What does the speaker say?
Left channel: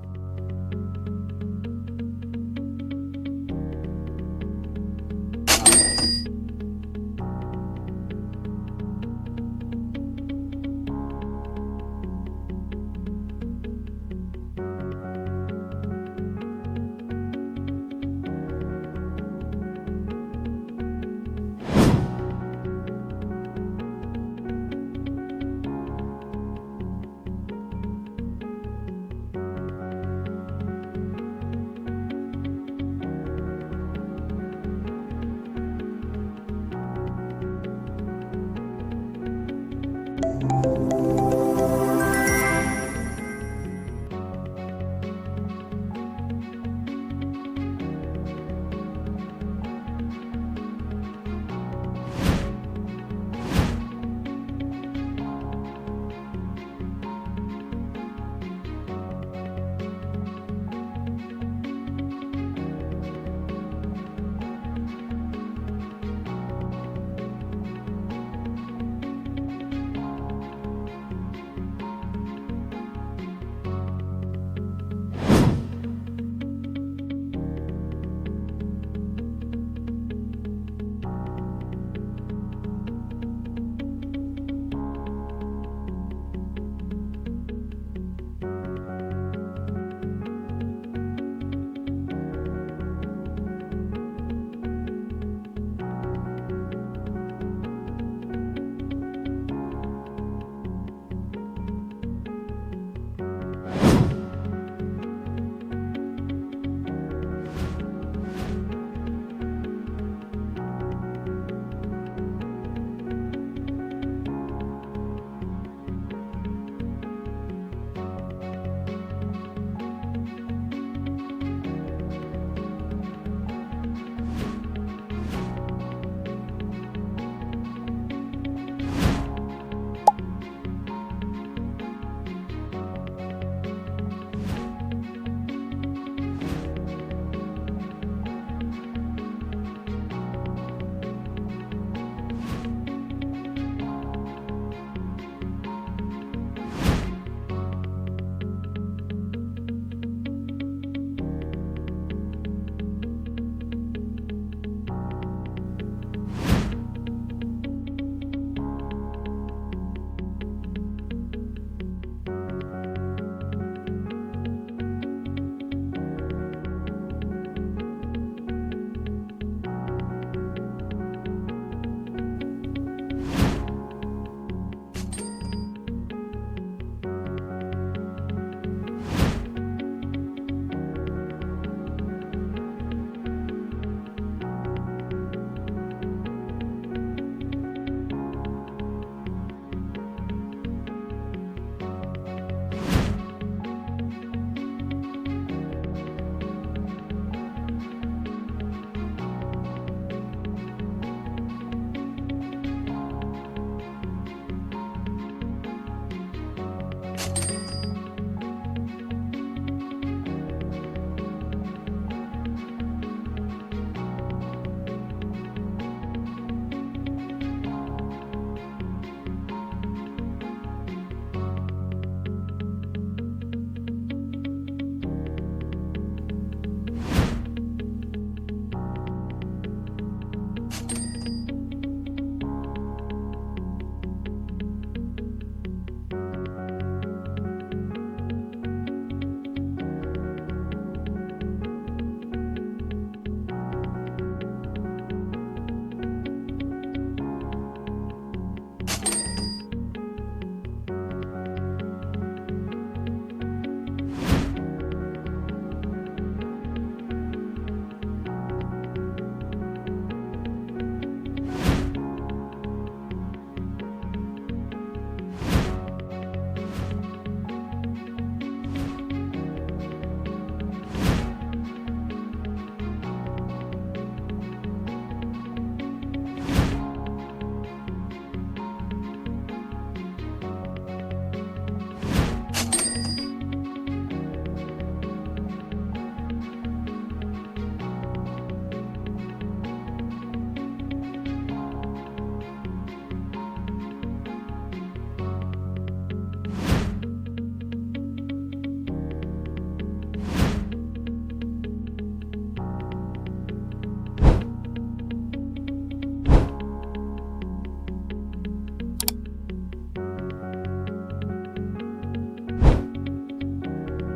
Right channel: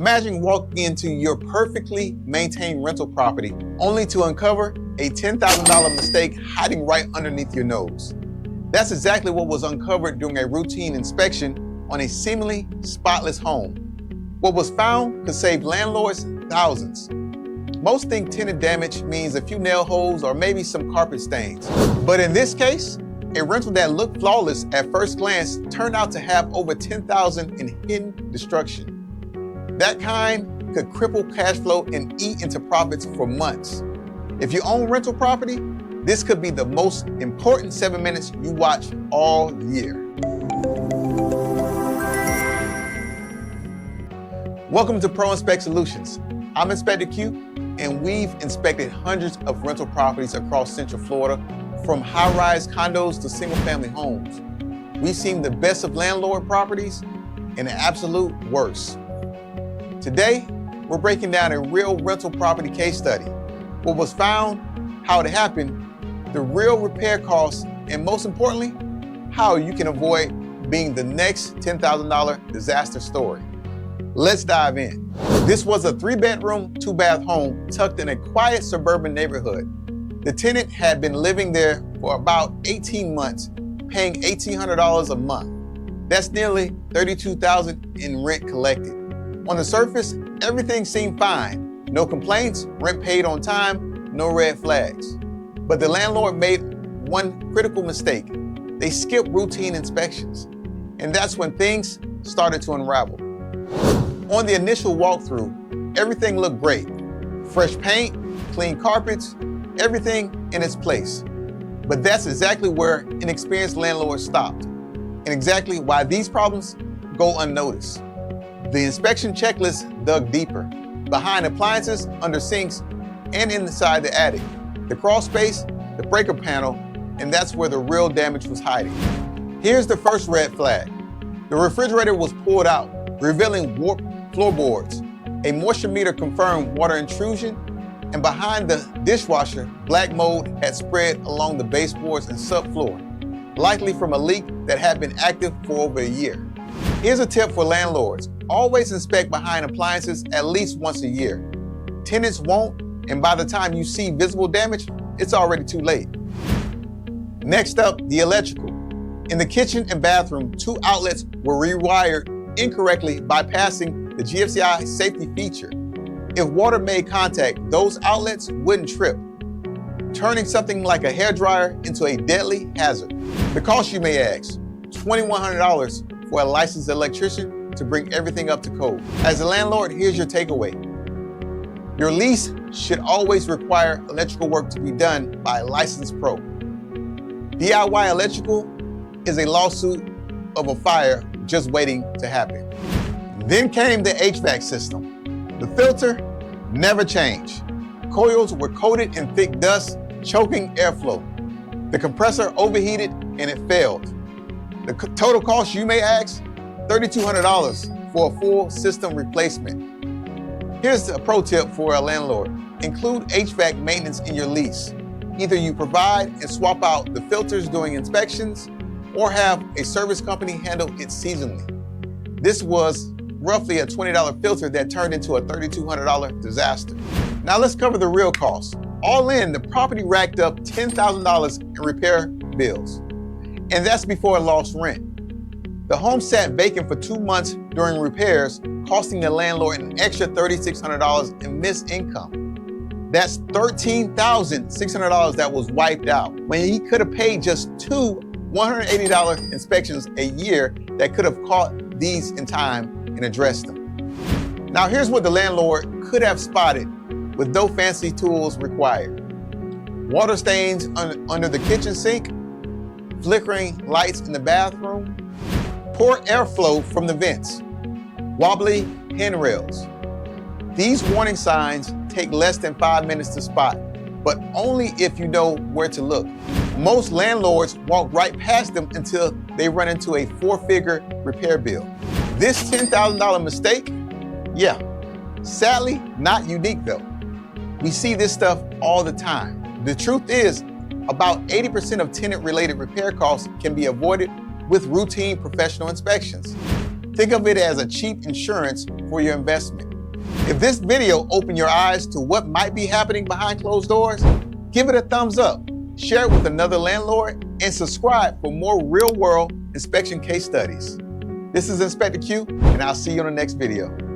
Imagine walking into your perfectly maintained rental property only to uncover a $10,000 mistake hiding right underneath your nose. That's exactly what was uncovered during a routine inspection on a seemingly spotless home. What was found could save landlords thousands. Most think tenant damage means a few nail holes or maybe some carpet stains. But in this case, a rental that looked flawless at first glance turned out to have over $10,000 in hidden destruction. That kind could cripple cash flow and eat into profits for months. If you own rental property, this could be the most important 7 minutes you watch all year. Welcome to Pro Inspect Solutions. I'm Inspector Q, and we've inspected hundreds of rental properties across Central Florida, from high-rise condos to single-family homes. We've seen the best of landlord properties and the absolute worst. Today, we're breaking down a real rental property case study. What was found, how it happened, the real repair costs, and most importantly, how you can avoid being the next $10,000 disaster story. Let's dive in. This was a 3-bedroom, 2-bath home tucked in a quiet suburban neighborhood. The tenant had been living there for about 18 months, paying $1,800 a month. That's nearly $32,000 in rent collected. On the surface, everything seemed fine. No complaints, rent paid on time, no red flags. But the landlord made one critical mistake. They skipped routine inspections. And that's when things started to unravel. On the initial walkthrough, everything looked great. Fresh paint, clean carpets, everything in its place. But that's exactly where inexperienced landlords stopped, and exactly why these problems go unnoticed. The inspection checklist dug deeper, behind appliances, under sinks, and inside the attic, the crawl space, the breaker panel, and that's where the real damage was hiding. Here's the first red flag. The refrigerator was pulled out, revealing warped floorboards. A moisture meter confirmed water intrusion, and behind the dishwasher, black mold had spread along the baseboards and subfloor, likely from a leak that had been active for over a year. Here's a tip for landlords. Always inspect behind appliances at least once a year. Tenants won't, and by the time you see visible damage, it's already too late. Next up, the electrical. In the kitchen and bathroom, 2 outlets were rewired incorrectly, bypassing the GFCI safety feature. If water made contact, those outlets wouldn't trip, turning something like a hairdryer into a deadly hazard. The cost, you may ask, $2,100 for a licensed electrician to bring everything up to code. As a landlord, here's your takeaway. Your lease should always require electrical work to be done by a licensed pro. DIY electrical is a lawsuit of a fire just waiting to happen. Then came the HVAC system. The filter never changed. Coils were coated in thick dust, choking airflow. The compressor overheated and it failed. The total cost, you may ask, $3,200 for a full system replacement. Here's a pro tip for a landlord. Include HVAC maintenance in your lease. Either you provide and swap out the filters during inspections, or have a service company handle it seasonally. This was roughly a $20 filter that turned into a $3,200 disaster. Now let's cover the real costs. All in, the property racked up $10,000 in repair bills. And that's before lost rent. The home sat vacant for 2 months during repairs, costing the landlord an extra $3,600 in missed income. That's $13,600 that was wiped out, when he could have paid just 2 $180 inspections a year that could have caught these in time and addressed them. Now here's what the landlord could have spotted with no fancy tools required. Water stains under the kitchen sink, flickering lights in the bathroom, poor airflow from the vents, wobbly handrails. These warning signs take less than 5 minutes to spot, but only if you know where to look. Most landlords walk right past them until they run into a 4-figure repair bill. This $10,000 mistake, yeah, sadly not unique though. We see this stuff all the time. The truth is, about 80% of tenant-related repair costs can be avoided with routine professional inspections. Think of it as a cheap insurance for your investment. If this video opened your eyes to what might be happening behind closed doors, give it a thumbs up, share it with another landlord, and subscribe for more real-world inspection case studies. This is Inspector Q, and I'll see you on the next video.